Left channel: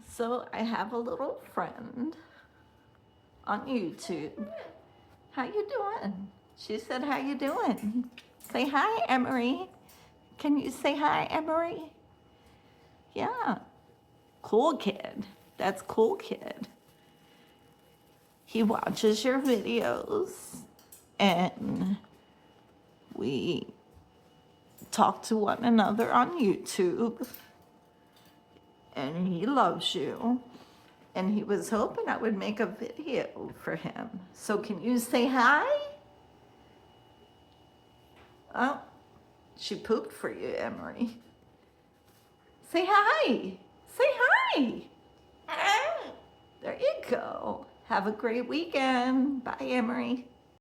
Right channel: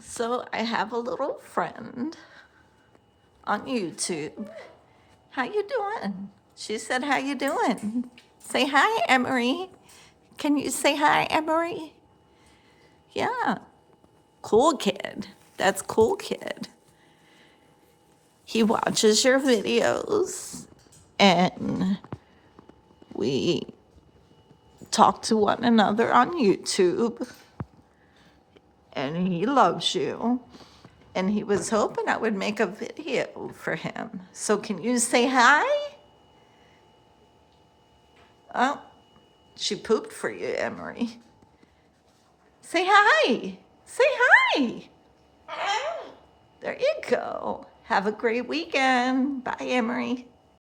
So I have a little friend on YouTube. How you doing? She said, how you doing? Say hi, Emery. Can you say hi, Emery? Yeah. Coolkid. That's Coolkid. He watches your videos and we talk to one another on YouTube. And he loves you. And he was hoping I would make a video for him. So can you say hi? Oh, she pooped for you, Emery. Say hi. Say hi. There you go. Have a great weekend. Bye, Emery.